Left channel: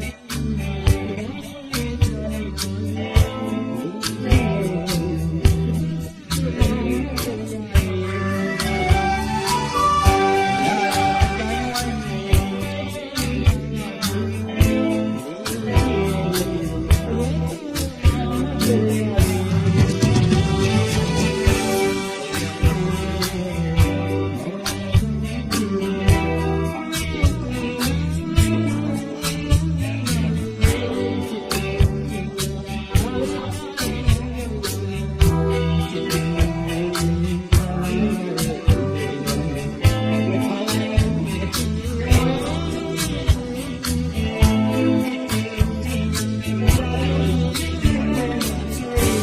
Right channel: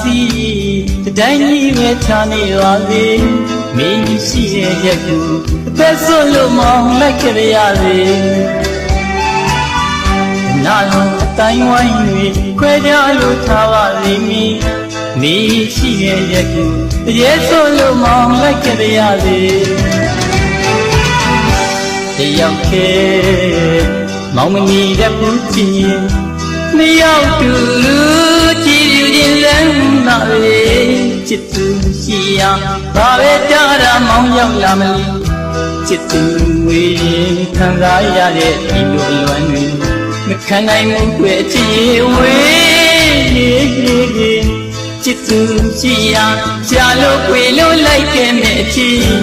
စီတတိုင်းကြီးပဲချာနေပါစေမင်းရှိရဲ့ရက်ကူအသက်ဆွလို့မောင်းလိုက်ကြရစေနာတော်အတိုင်းဝိုင်းတွေခွဲကြလို့ထားပါလိမ့်မည်မင်းရှိရဲ့ရက်ကူတရေဆွလို့မောင်းလိုက်ကြရစေတယောက်ခဲမောင်မနီတဲ့ဘူးချင်းနှစ်ယောက်တူကြည်ယူခြင်းလမ်းသာလေ ချစ်သူရှိရာဘာပဲကြတာမောင်းရောက်လာမလို့ချစ်သူဝေးခံစားရတဲ့ဒီလိုအလွမ်းတွေမခံနိုင်ဘူးကွယ်ချစ်ဝေးချစ်သူရှိရာကြာလို့ကွယ်လို့လိုက်ခဲ့မဲ့အချစ်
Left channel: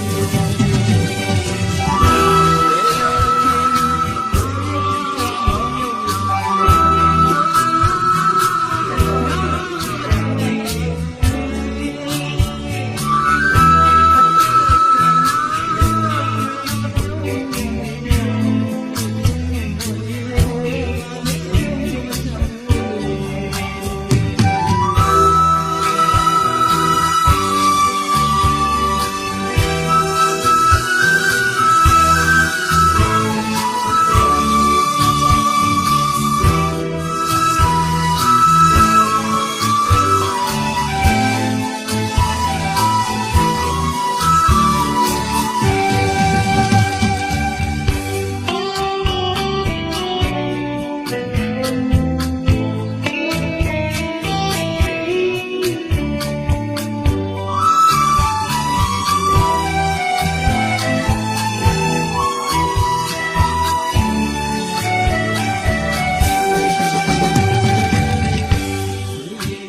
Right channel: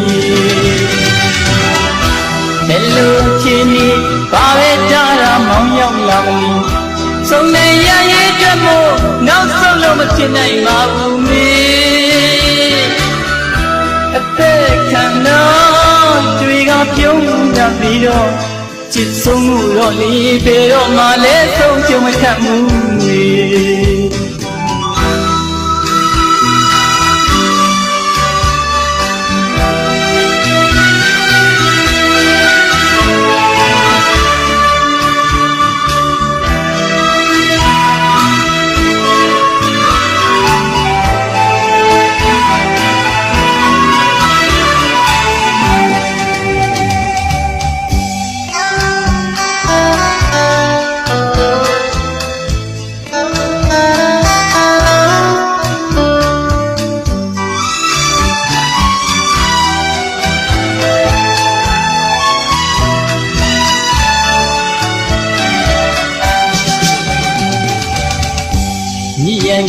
လေဘယ်တော့မှလည်းဆုံးချုံမထဘူးမေ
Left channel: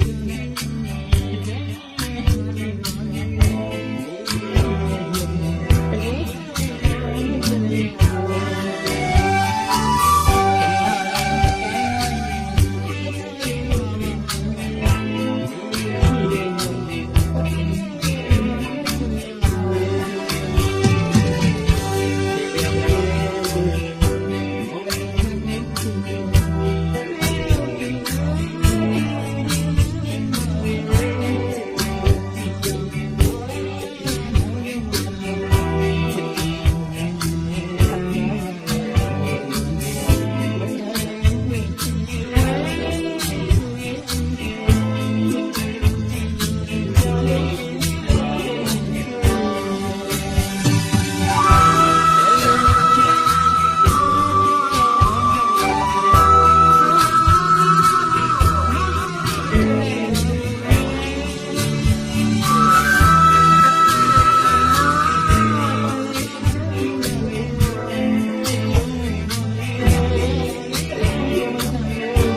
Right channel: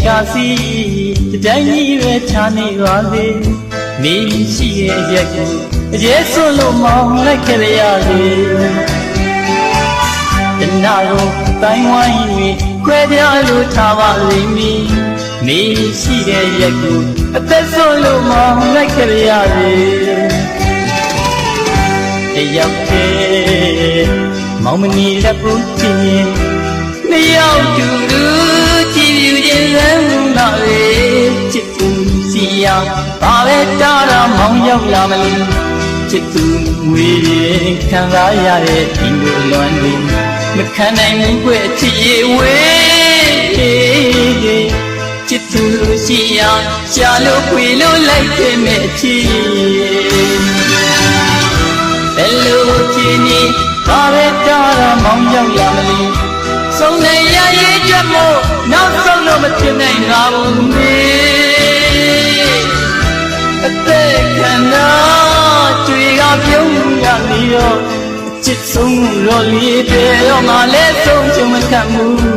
ကာစီတတိုင်းကြီးပဲချာနေပါစေနေရှိရဲ့ရက်ကိုအရေးစွန့်လို့မောင်းလိုက်ခဲ့ရစေတနာကိုတိုင်းဝိုင်း၍ခွဲပြားလို့ထားပါလိမ့်မည်နေရှိရဲ့ရက်ကိုအသက်စွန့်လို့မောင်းလိုက်ခဲ့ရစေတယောက်တည်းမောင်မနီလက်ဘူးချင်းနှစ်ယောက်တူတူကြည်ပြူခြင်းလမ်း လာလေချစ်သူစီယာဘာပဲတားတာမောင်းရောက်လာမလို့ချစ်သူဝေးခံစားရတဲ့ဒီလိုလွမ်းတွေမခံနိုင်ဘူးကွချစ်ရဲ့ဝေးချစ်သူစီယာရှာလို့ခွေလို့လိုက်ခဲ့မဲ့ချစ်ဘယ်လိုဖြစ်နေဘာပဲတားတာမောင်းရောက်လာမလို့ဆုံးနေရရဲ့ချက်မို့နောက် လီတယ်တော့ငါလည်းဆုံးချုံမခံဘူး